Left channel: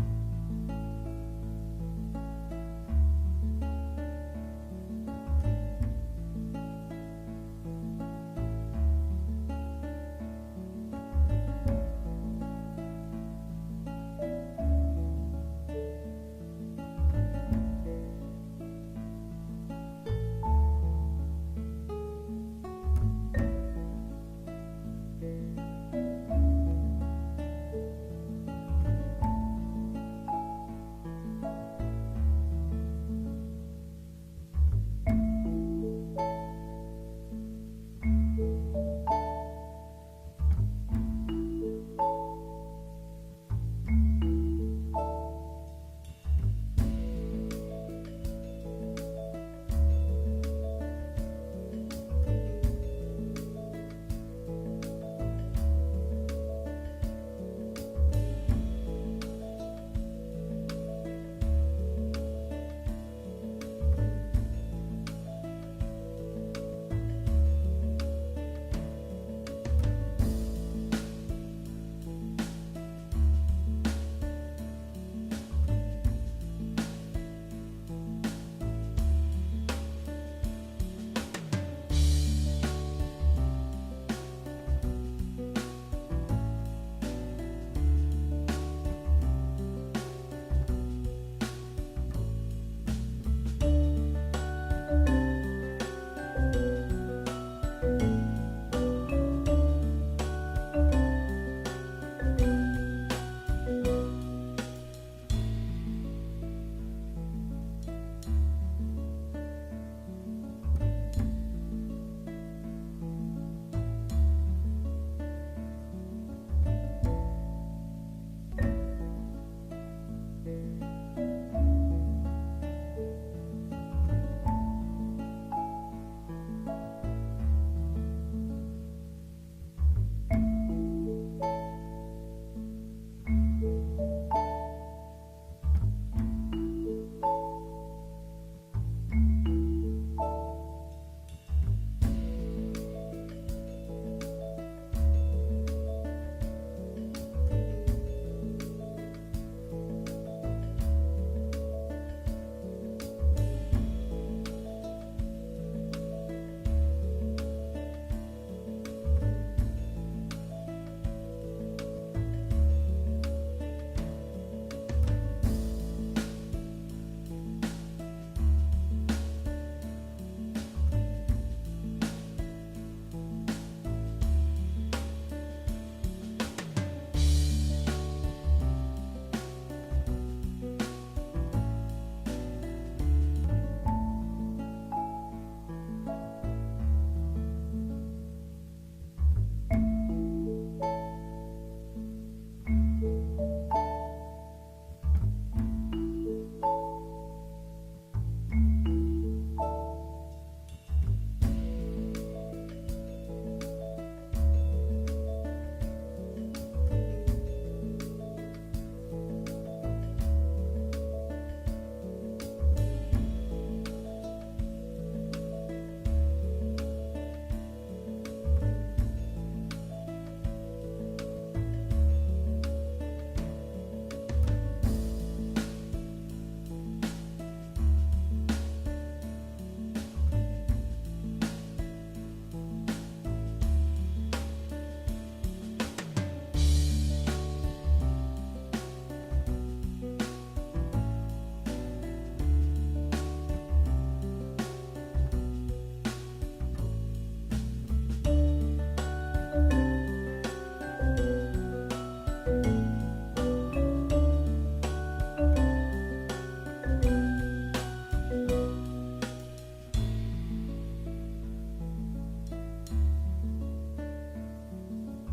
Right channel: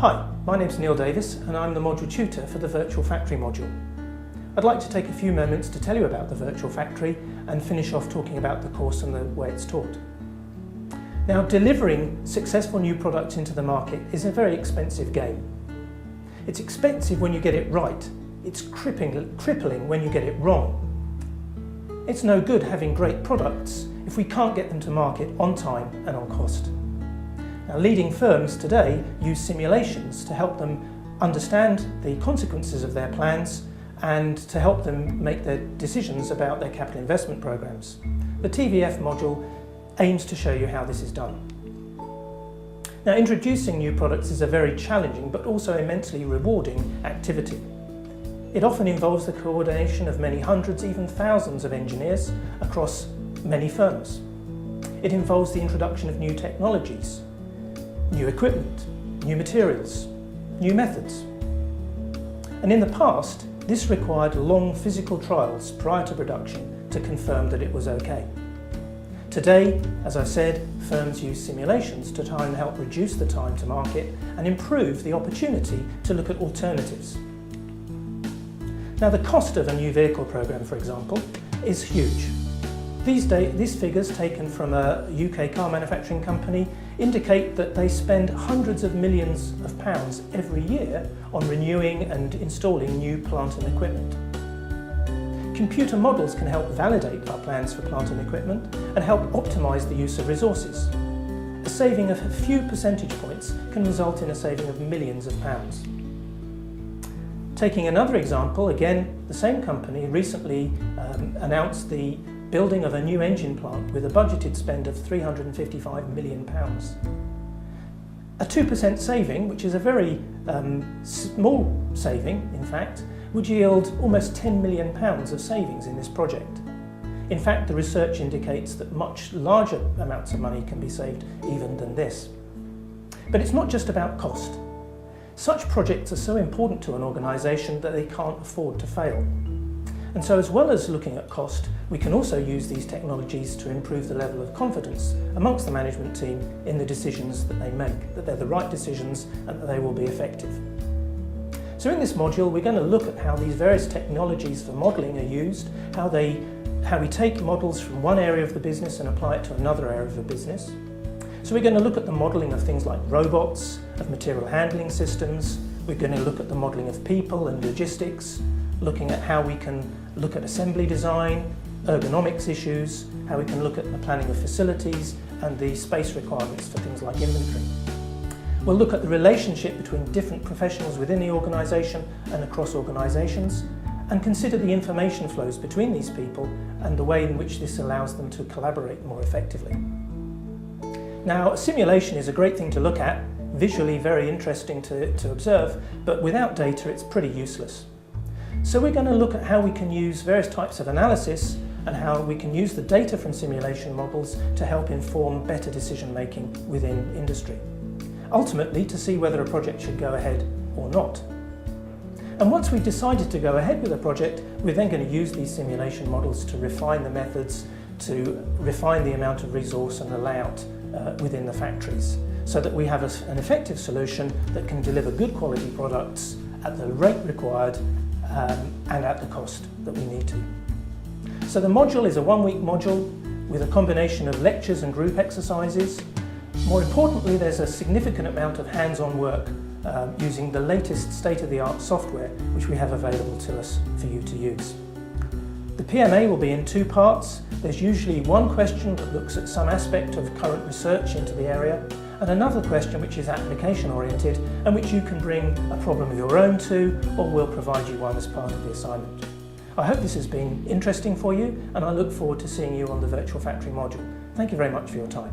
Hi, my name's Neil Davis and I'm the module tutor for the Virtual Factory module. I'd like to take a few moments to tell you about the Virtual Factory and finish off talking about the course and the way it's taught. Now, delivering successful new products into the market is a very expensive game. It's expensive when you get it right. It's crippling when you get it wrong. It's no good having great products if we can't get them to market on time and on cost. Now, leading firms today use simulations to help them understand the consequences of their plans and to help them make their decisions about their capital investment programs. The TVF module aims to show you how this is done. Now, introducing new products is a very challenging but also immensely rewarding activity. It often involves the coordination of many hundreds, even thousands of engineers across many firms. It involves the introduction of new technologies, new equipment, new materials, new methods. And in the past, this required long physical trials prior to production to confirm that it was okay. Today, as I said, firms use simulations to try and help reduce the time to market and improve the opportunity to look at alternatives. Now, the cost of a new vehicle program, for example, is huge. These figures taken from a UK car manufacturing company indicate that they spend hundreds of millions of pounds every year on renewing and installing new plant and equipment. Computer models can help validate our plans for plant and equipment and help optimise the use of resources. A saving of a few percentage points can result in a saving of millions of pounds. Taking another example, again, the same company recently announced the building of a new engine plant with a budgeted spend of £355 million. A 2% saving, which is a very small saving, in fact, would yield almost £10 million of savings in this project. In fact, the research indicates that much larger amounts of money can be saved even than this. But it's not just about cost. Such projects are so important to an organisation that they can't afford to fail. And so, as well as looking at cost, we can also use these technologies to improve the level of confidence amongst the management team in the decisions that they make, that they're the right decisions and that they will be effective. So in this module, we're going to look at how these various technologies for modelling are used, how we take models from one area of the business and apply it to another area of the business. So we're going to look at the modelling of things like robots, of material handling systems. We're going to look at the modelling of people and logistics, looking at how we can look at assembly design, ergonomics issues, how we can look at the planning of facilities and the space requirements for things like inventory. We'll look at the relationship between different professionals within the organisation and across organisations, and consider the information flows between these people and the way in which this allows them to collaborate more effectively. Now, a simulation is a great thing to look at, visually very interesting to observe, but without data it's pretty useless. So we're going to look at how we can use various types of analysis and how we can use the data from simulation models to help inform better decision making within industry. Ultimately, to see whether a project should go ahead or not. And once we've decided to go ahead with a project, we're then going to use these simulation models to refine the methods, to refine the amount of resource and the layout within the factories, so that we have an effective solution that can deliver good quality products at the rate required and at the cost that we need to. So the module is a one-week module with a combination of lectures and group exercises. More importantly, there's a significant amount of hands-on work using the latest state-of-the-art software which we have available to us for you to use. The PMA will be in two parts. There's usually one question that looks at some aspect of current research into the area, and another question which is application oriented and which you can bring a problem of your own to, or we'll provide you one as part of the assignment. I hope this has been interesting for you, and I look forward to seeing you on the Virtual Factory module. Thank you very much for your time.